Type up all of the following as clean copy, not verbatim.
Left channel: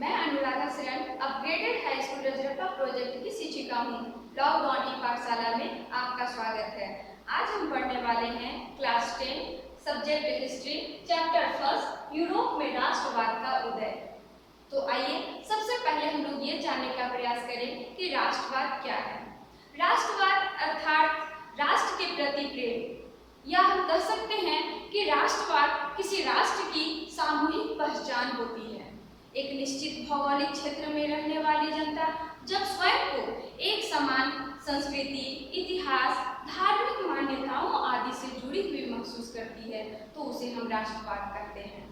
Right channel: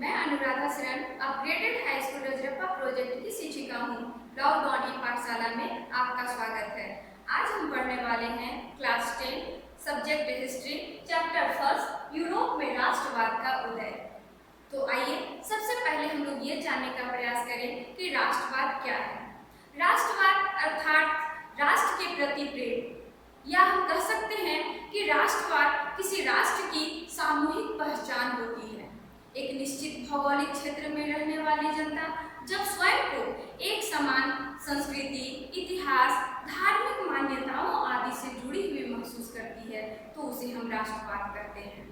मैं अनुराधा शरण upgraded high school Rajrappa project की शिक्षिका हूँ। लॉकडाउन की पाठशाला में आपका स्वागत है। आज हम पढ़ने वाले हैं class 10 subject history chapter first Europe में राष्ट्रवाद का उदय। तो आइए सबसे पहले हम लोग ये जानने का प्रयास करें कि राष्ट्रवाद क्या है। राष्ट्रवाद अर्थात राष्ट्र के प्रति प्रेम, या हम कह सकते हैं कि राष्ट्रवाद किसी राष्ट्र की सामूहिक पहचान होती है। एक निश्चित भौगोलिक क्षेत्र में रहने वाली जनता जब स्वयं को एक समान संस्कृति, इतिहास, धार्मिक मान्यताओं आदि से जुड़ी हुई महसूस करती है तो उसे हम राष्ट्रवाद कहते हैं।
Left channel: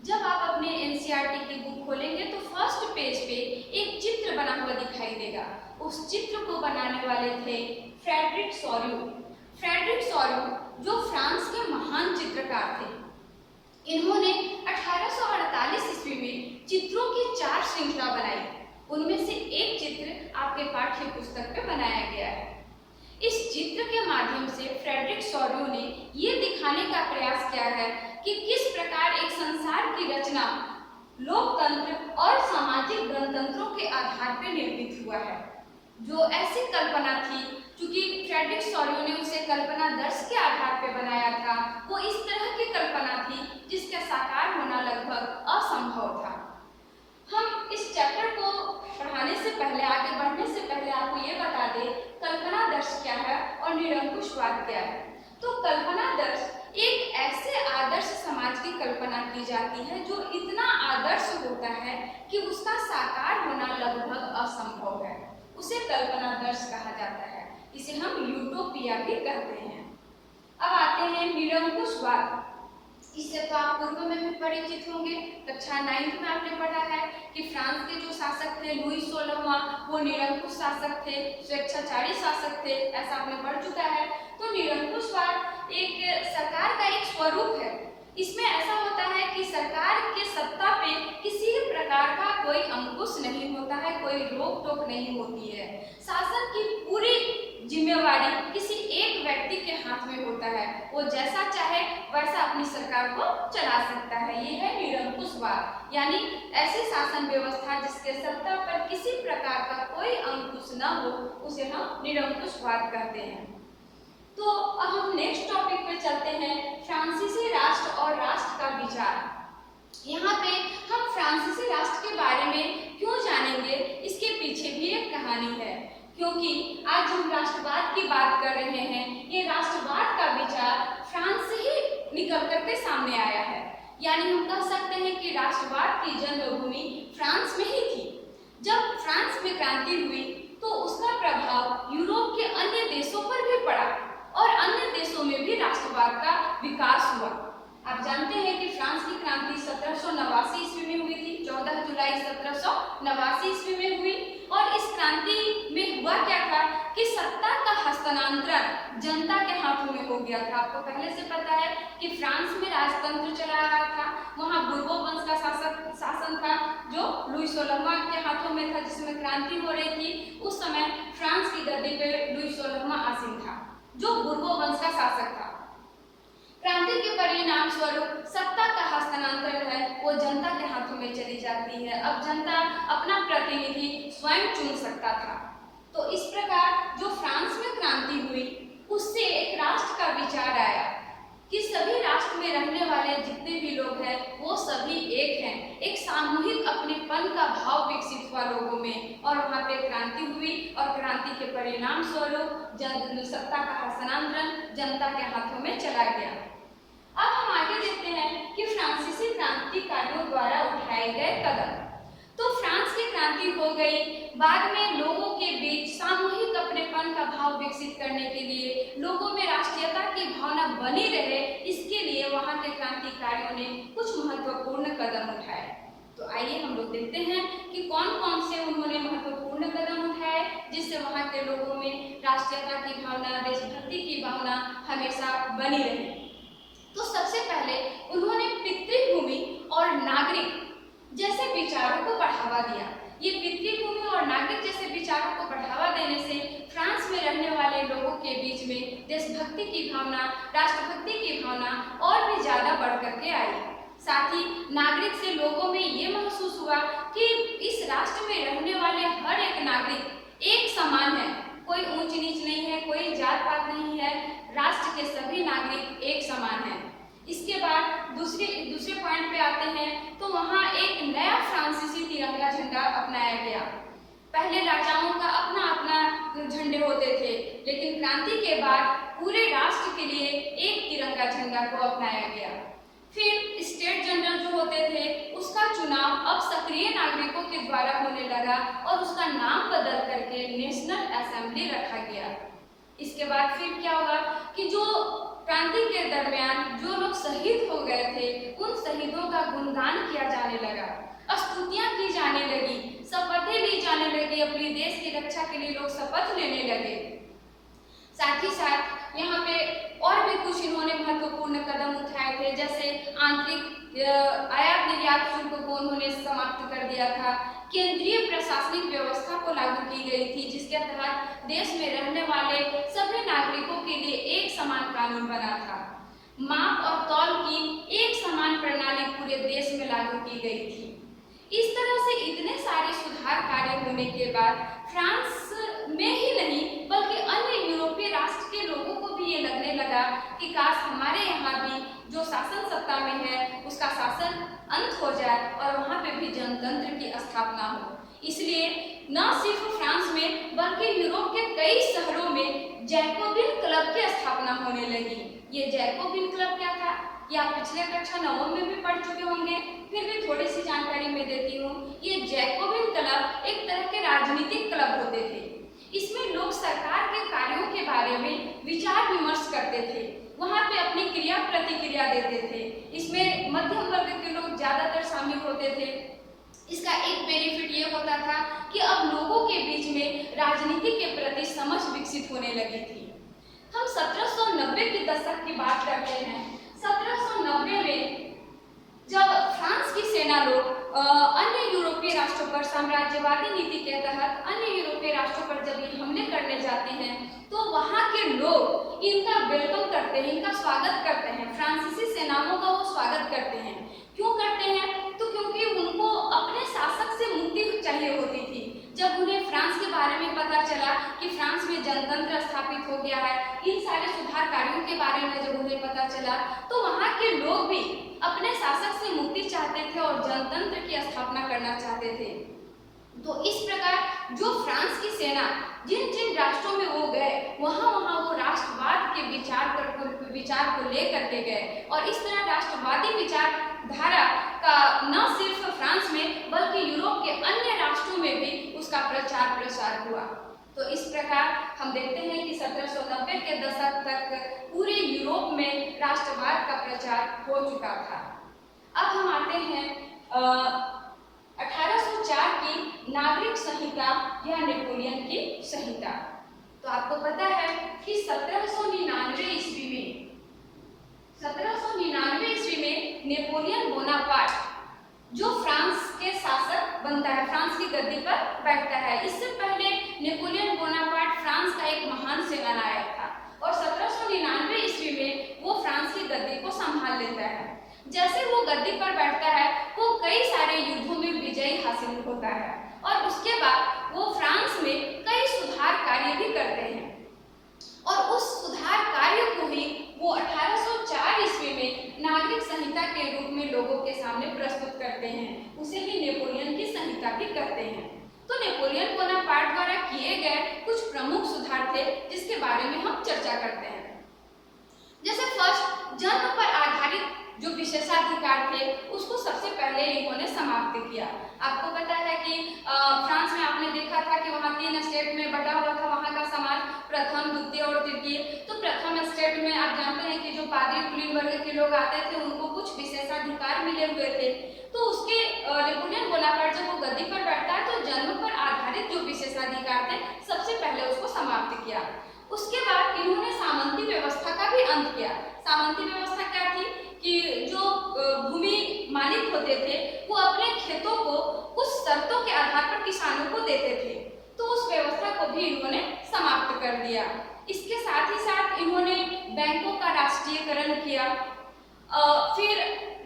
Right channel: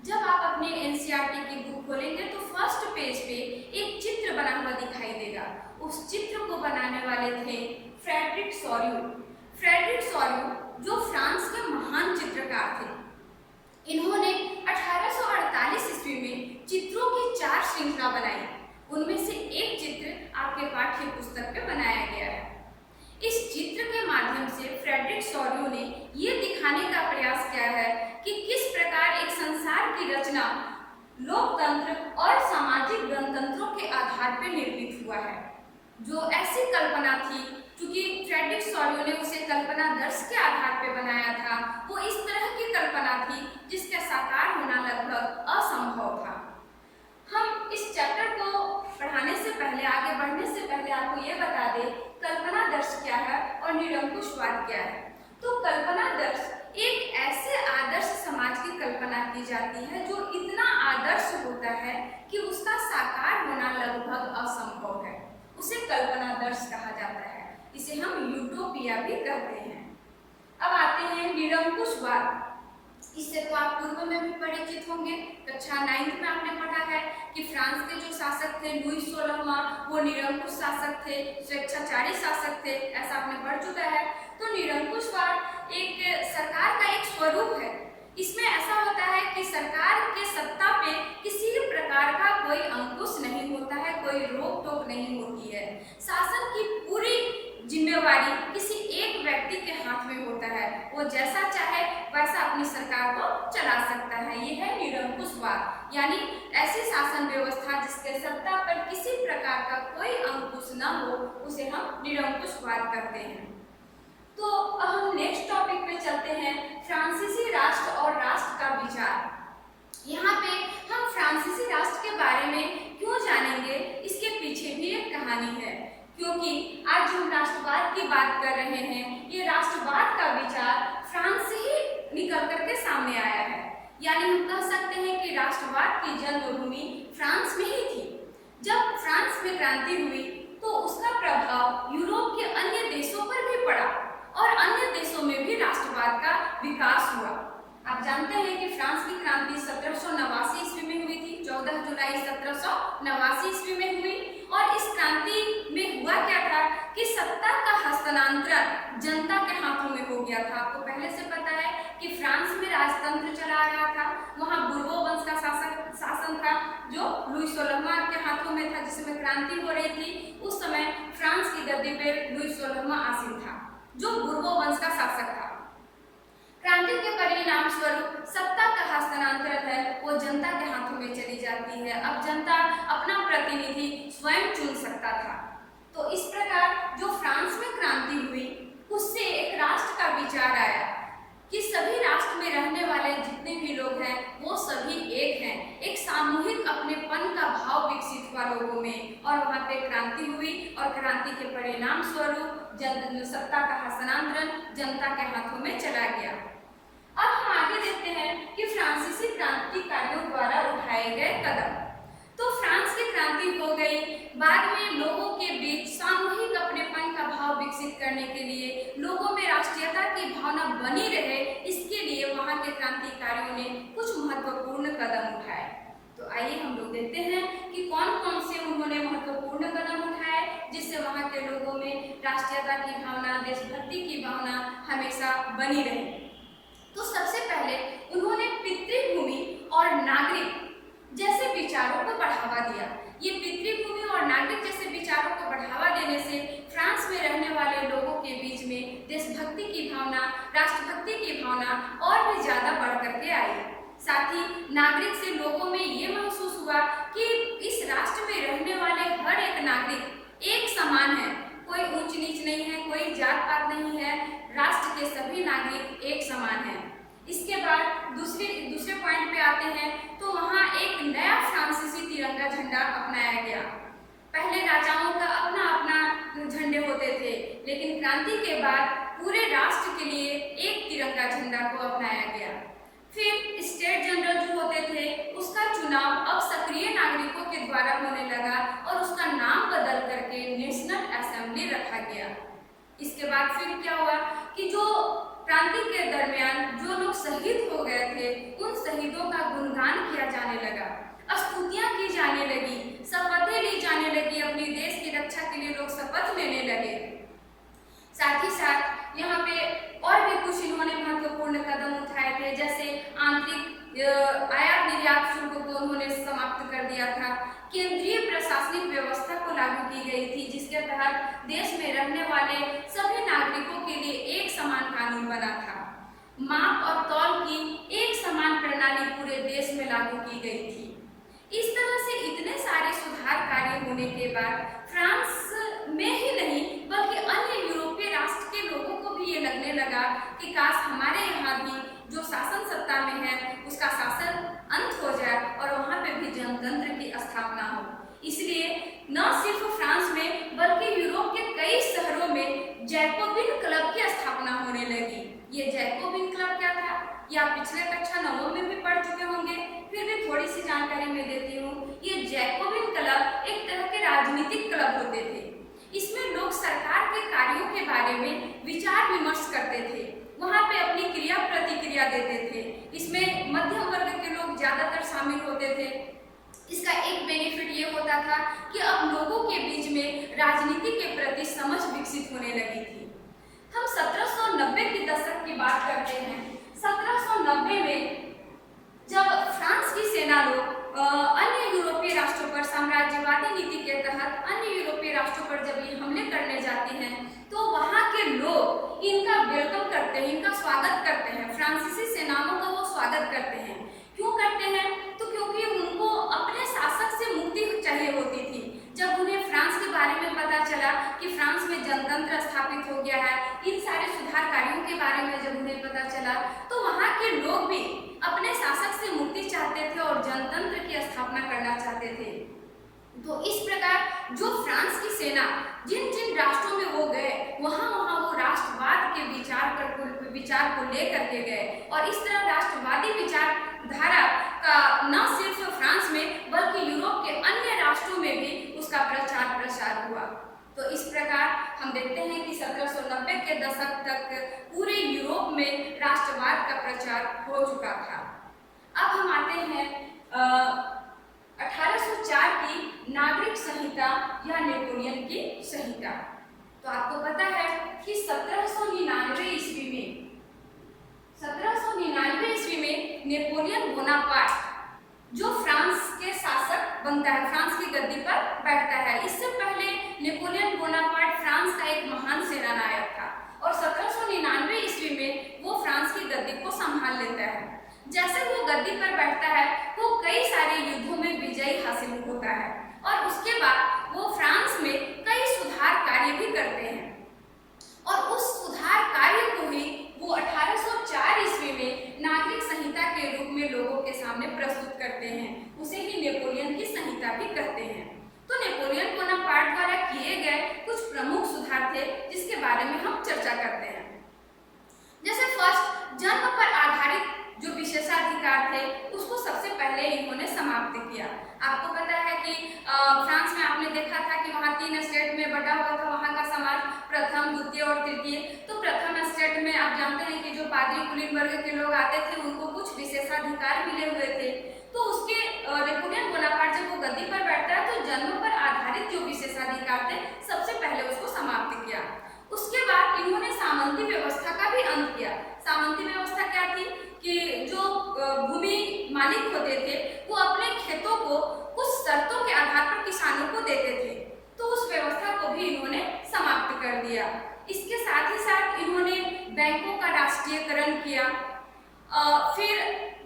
जब आप अपने एनसीईआरटी की बुक खोलेंगे तो फर्स्ट पेज पे एक चित्र बना हुआ दिखाई देगा। उस चित्र को बनाने वाले थे फ्रेडरिक सोर्यू। फ्रेडरिक सोर्यू जो फ्रांस के महान चित्रकार थे, इन्होंने 1848 ईस्वी में चित्रों की 4 श्रृंखला बनाई। उनमें से एक चित्र आपके पाठ्य पुस्तक पे बनाया गया है। इस चित्र के माध्यम से फ्रेडरिक सोर्यू ने ये दिखाने का प्रयास किया है कि किस प्रकार एक संसार की रचना लोकतंत्र और सामाजिक गणतंत्रों के आधार पर निर्मित हुआ है। जो ऐसी कल्पना थी, क्योंकि फ्रेडरिक सोर्यू ने उसे कल्पना दर्श के आधार पर बनाया था, वो इस तरह की कल्पना थी जिसका साकार होना लगभग असंभव था। हम इस चैप्टर को पढ़ाने से पहले, आगे बढ़ने से पहले आपको ये बता दें कल्पना दर्श क्या है और निरंकुशवाद क्या है। तो कल्पना दर्श एक ऐसे आदर्श समाज की कल्पना की जाती है जो इतना आदर्श होता है कि उसका साकार होना लगभग असंभव है, उसे कल्पना दर्श कहा जाता है। इसे हम यूटोपिया भी कहते हैं। अब आते हैं निरंकुशवाद। इससे तो आप पूर्व में भी परिचित होंगे। कक्षा 9 में आपने पढ़ा है कि फ्रांस के जो शासक थे लुई 16वां, वो निरंकुश शासक थे, स्वेच्छाचारी शासक थे, ऐसा आपने पढ़ चुका है। तो निरंकुशवाद एक सरकार का एक स्वरूप है। इसमें ऐसा होता है कि सरकार के सत्ता पे किसी प्रकार का कोई अंकुश नहीं होता है, कोई रोक टोक नहीं होती है। शासन की पूरी जिम्मेवारी किसी एक व्यक्ति के हाथ में होता है, वो जैसा चाहे वैसा अपनी सरकार को चला सकता है। ये है निरंकुशवाद, यानी ऐसी शासन व्यवस्था जिसके सत्ता पर किसी प्रकार का कोई अंकुश न हो, उसे हम निरंकुशवाद कहते हैं। तो अब हम नेक्स्ट टॉपिक पे चलते हैं, फ्रांसीसी राष्ट्र और राष्ट्र का विचार। यहाँ पे हम फ्रांसीसी राष्ट्र के बारे में क्यों जानेंगे, इसके पीछे भी एक कहानी है। क्योंकि आज हम राष्ट्रवाद की बात कर रहे हैं, ये राष्ट्रवाद का विचार फ्रांस से ही निकल करके सामने आया है। यानी हम कह सकते हैं कि राष्ट्रवाद की जन्मभूमि फ्रांस में ही थी। जब फ्रांस में क्रांति हुई तो उसका प्रभाव यूरोप के अन्य देशों पर भी पड़ा और अन्य देशों में भी राष्ट्रवाद का विकास हुआ। आप जानते हैं कि फ्रांस की क्रांति 1789 ईस्वी में हुई थी, 14 जुलाई 1789 ईस्वी में हुई। और इस क्रांति में हुआ क्या था कि सत्ता का हस्तांतरण जनता के हाथों में हो गया था। आपको पहले से पता है कि फ्रांस में राजतंत्र चला रहा था, वहाँ बुर्बो वंश का शासन था जो लुई 16वां के हाथों में था, जिसमें क्रांति हो रही थी। उस समय फ्रांस की गद्दी पे लुई 16वां आसीन था जो बुर्बो वंश का शासक था। क्रांति के परिणाम स्वरूप सत्ता का हस्तांतरण है वो जनता के हाथों में चली जाती है। अब जनता अपना प्रतिनिधि स्वयं चुन सकता था। तो इस प्रकार जो फ्रांस में क्रांति हुई उससे एक राष्ट्र का विचार आया कि सभी राष्ट्र में रहने वाले जितने भी लोग हैं वो सभी एक हैं। एक सामूहिक अपनेपन का भाव विकसित हुआ लोगों में और वहाँ पे क्रांति हुई और क्रांति के परिणाम स्वरूप सत्ता का हस्तांतरण जनता के हाथों में चला गया। अब हम आगे देखते हैं कि फ्रांसीसी क्रांतिकारियों द्वारा उठाए गए कदम। तो फ्रांस की क्रांति हो गई, बाद में लोगों के बीच सामूहिक अपनेपन का भाव विकसित करने के लिए, लोगों में राष्ट्रीयता की भावना बनी रहे, इसके लिए वहां के क्रांतिकारियों ने कुछ महत्वपूर्ण कदम उठाए। तो आइए हम लोग देखते हैं कि कौन कौन से उन्होंने महत्वपूर्ण कदम उठाए जिससे वहां के लोगों में राष्ट्रीयता की भावना, देशभक्ति की भावना हमेशा बनी रही। तो सबसे पहले उन्होंने पितृभूमि और नागरिक जैसे विचारों को बढ़ावा दिया। ये पितृभूमि और नागरिक जैसे विचारों को बढ़ावा देने से फ्रांस में रहने वाले लोगों के बीच में देशभक्ति की भावना, राष्ट्रभक्ति की भावना और भी ज्यादा बढ़ करके आई। साथ ही नागरिक से लोगों में ये महसूस हुआ कि इस राष्ट्र में रहने वाले हर एक नागरिक एक समान है, कोई ऊंच नीच नहीं है, कोई जात पात नहीं है, राष्ट्र के सभी नागरिक एक समान हैं। इसके बाद दूसरे पॉइंट पे आते हैं तो वहाँ एक नया फ्रांसीसी तिरंगा झंडा अपनाया गया। पहले राजाओं का अपना अपना झंडे होते थे, लेकिन क्रांति के बाद पूरे राष्ट्र के लिए एक तिरंगा झंडा को अपनाया गया। फिर स्टेट जनरल जो होते थे उसका चुनाव अब सक्रिय नागरिकों के द्वारा होने लगा और उसका नाम बदल करके नेशनल असेंबली रखा गया। इसके बाद फिर क्या हुआ कि जो क्रांति के दरमियान जो लोग शहीद हो गए थे उन शहीदों का गुणगान किया जाने लगा, स्तुतियां की जाने लगी, शपथें ली जाने लगी, अपने देश की रक्षा के लिए लोग शपथ लेने लगे। साथ ही साथ यहाँ पे और भी कुछ इन्होंने महत्वपूर्ण कदम उठाए थे, जैसे आंतरिक आयात निर्यात शुल्क को उन्होंने समाप्त कर दिया था। केंद्रीय प्रशासनिक व्यवस्था को लागू की गई थी, जिसके तहत देश में रहने वाले सभी नागरिकों के लिए एक समान कानून बना था। माप और तौल की एक समान प्रणाली पूरे देश में लागू की गई थी। इस तरह से इतने सारे सुधार कार्य होने के बाद फ्रांस में ही नहीं बल्कि अन्य यूरोपीय राष्ट्र के लोगों को भी ये लगने लगा कि काश हमारे यहाँ भी जो शासन सत्ता में है उसका शासन अंत हो जाए और वहाँ पे भी जनतंत्र की स्थापना हो। इसलिए न सिर्फ फ्रांस में बल्कि यूरोप के कई शहरों में जैकोबिन क्लब की स्थापना होने लगी। ये जैकोबिन क्लब क्या था, ये आप पिछले कक्षा 9 में भी पढ़ चुके होंगे, फिर भी थोड़ी सी जानकारी मैं देती हूँ। ये जैकोबिन क्लब एक तरह के राजनीतिक क्लब होते थे। इसमें लोग सरकार के कार्यों के बारे में विचार विमर्श करते थे, वहाँ पे अपनी क्रिया प्रतिक्रिया देते थे। इसमें मध्यम वर्ग के लोग ज़्यादातर शामिल होते थे। इसका एक बेनिफिट ये होता था कि अब लोगों के बीच में राजनीति के प्रति समझ विकसित होने लगी थी। हम 1790 के दशक की बात करते हैं। 1790 में जब फ्रांस की सेना लोग अन्य यूरोपीय राष्ट्रों पर साम्राज्यवादी नीति के तहत अन्य यूरोपीय राष्ट्रों पर जब ये हमले करने जाते हैं तो वहाँ के लोग इनका वेलकम करते हैं, इनका स्वागत करते हैं। फ्रांसीसी सेनाओं का वो स्वागत करते हैं। क्यों करते हैं? तो क्योंकि उनको अपने शासक से मुक्ति चाहिए होती थी। जब उन्हें फ्रांस के बारे में पता चला कि फ्रांस में जनतंत्र स्थापित हो गया है, इन सारे सुधार कार्यों के बारे में जब उन्हें पता चला तो वहाँ के लोग भी अपने शासक से मुक्ति चाहते थे और जनतंत्र की स्थापना करना चाहते थे। तो इस प्रकार जो फ्रांस की सेना जिन जिन राष्ट्रों में वो गए वहाँ वो राष्ट्रवाद के विचार को लेकर के गए और इस तरह राष्ट्रवादी विचारधारा का न सिर्फ फ्रांस में बल्कि यूरोप के अन्य राष्ट्रों में भी उसका प्रचार प्रसार हुआ। तो इस प्रकार हम देखते हैं कि 1790 के दशक तक पूरे यूरोप में राष्ट्रवाद का प्रचार हो चुका था। अब हम आते हैं 1804 की नागरिक संहिता या नेपोलियन की संहिता। तो आपको पता है कि 1799 ईस्वी में नेपोलियन बोनापार्ट जो फ्रांस के शासक बनता है, फ्रांस की गद्दी पर बैठता है। इससे पहले नेपोलियन बोनापार्ट फ्रांस का एक महान सेनानायक था और 1799 ईस्वी में वो फ्रांस की गद्दी को संभाल लेता है। जैसे वो गद्दी पर बैठता है वो कई सारे युद्धों में विजयी हासिल होता है और उसके बाद वो फ्रांस में कई सुधार कार्य भी करते हैं और उस सुधार कार्य को ही वो 1804 ईस्वी में नागरिक संहिता के रूप में लोगों के सामने प्रस्तुत करते हैं। उसे ही नेपोलियन की संहिता भी कहते हैं। तो नेपोलियन बोनापार्ट द्वारा किए गए कुछ प्रमुख सुधार थे जिसके बारे में हम चर्चा करते हैं। जैसे फर्स्ट, जन्म पर आधारित जो विशेषाधिकार थे उसको सबसे पहले इन्होंने समाप्त किया। आपको पता है कि फ्रांस में आपने देखा था कि वहाँ 3 स्टेट में बटा हुआ था वहाँ का समाज, प्रथम, द्वितीय और तृतीय। तो प्रथम स्टेट में आप जानते हैं कि जो पादरी कुलीन वर्ग के लोग आते थे उनको कुछ विशेषाधिकार मिले हुए थे। तो उसके नेपोलियन बोनापार्ट जब वो गद्दी पर बैठता है तो जन्म पर आधारित जो विशेषाधिकार थे सबसे पहले उसको समाप्त किया। उसके बाद इन्होंने सामंती व्यवस्था का भी अंत किया। सामंती व्यवस्था क्या थी कि जो भूमि मालिक होते थे वो अपने खेतों को कुछ शर्तों के आधार पर किसानों को देते थे। तो उस व्यवस्था को भी इन्होंने समाप्त कर दिया। इसके साथ ही साथ इन्होंने बैंकों का राष्ट्रीयकरण किया फिर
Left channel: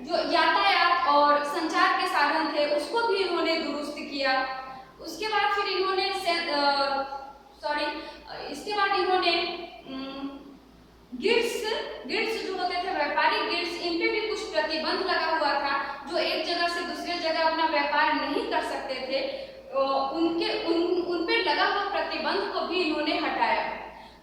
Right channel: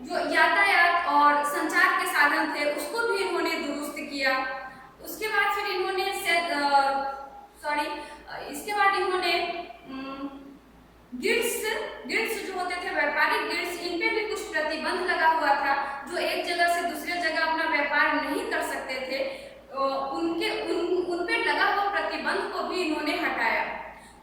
जो यातायात और संचार के साधन थे उसको भी इन्होंने दुरुस्त किया। उसके बाद फिर इन्होंने इसके बाद इन्होंने गिल्ड्स जो होते थे, व्यापारिक गिल्ड्स, इन पे भी कुछ प्रतिबंध लगा हुआ था। जो एक जगह से दूसरे जगह अपना व्यापार नहीं कर सकते थे, उन पे लगा हुआ प्रतिबंध को भी इन्होंने हटाया।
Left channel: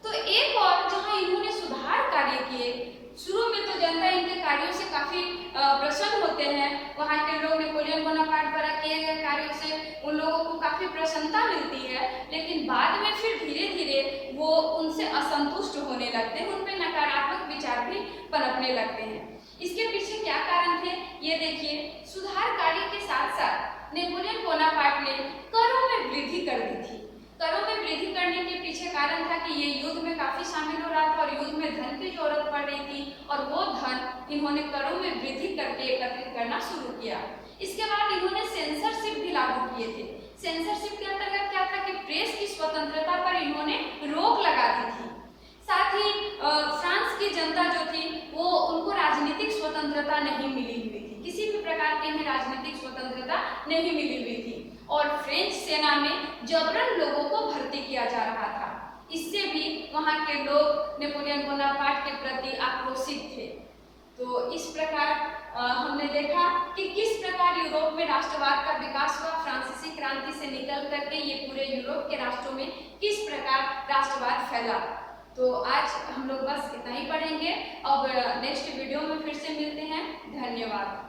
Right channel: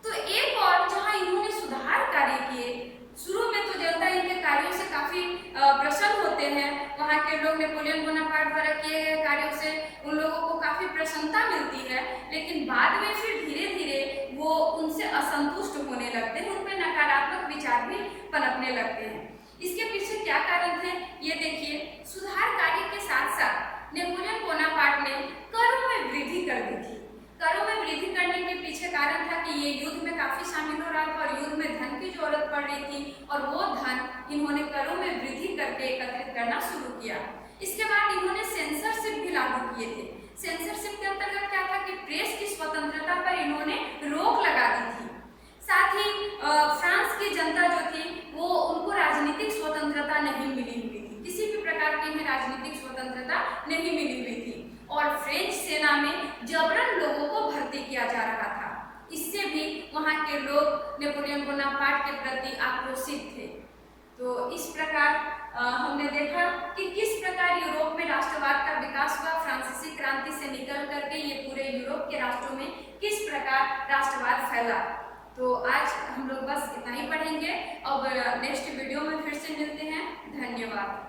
तो एक और जहां इन्होंने सुधार कार्य किए, शुरू में तो जनता इनके कार्यों से काफी प्रसन्न होते हैं। वहां के लोग नेपोलियन बोनापार्ट द्वारा किए गए कार्यों से उन लोगों को काफी प्रसन्नता मिलती है, लेकिन बाद में फिर धीरे धीरे वो उनसे असंतुष्ट होने लगते हैं, उनमें नकारात्मक विचार भी पनपने लगते हैं। इसके पीछे क्या कारण थे ये देखिए। सुधार कार्य के साथ साथ नेपोलियन बोनापार्ट ने करों में वृद्धि कर दी थी। करों में वृद्धि करने के पीछे कारण था कि ये युद्ध में काफी शामिल हो रहा था और युद्ध में धन की जरूरत पड़ रही थी, और वो धन इन्होंने करों में वृद्धि करके एकत्रित करना शुरू किया। इसके बाद इन्होंने सेंसरशिप भी लागू किए थे। सेंसरशिप के अंतर्गत क्या था कि प्रेस की स्वतंत्रता पर इन्होंने रोक लगा दी थी। साथ ही फ्रांस की जनता जो थी वो उनको राजनीतिक स्वतंत्रता नहीं मिली हुई थी, किसी भी प्रकार की इन्हें राजनीतिक स्वतंत्रता नहीं मिली हुई थी, और फ्रेंच सेना में जबरन लोगों को भर्ती किया जा रहा था। इससे भी वहां के लोग नेपोलियन बोनापार्ट के प्रति आक्रोशित थे। तो इस प्रकार हमने देखा कि किस प्रकार यूरोप में राष्ट्रवाद का विकास हुआ। फ्रांसीसी क्रांति से निकल करके ये पूरे यूरोप के राष्ट्रों में किस प्रकार राष्ट्रवाद फैला। तो आज हम लोग बस इतना ही पढ़ेंगे। अब नेक्स्ट वीडियो में फिर से मिलते हैं। धन्यवाद।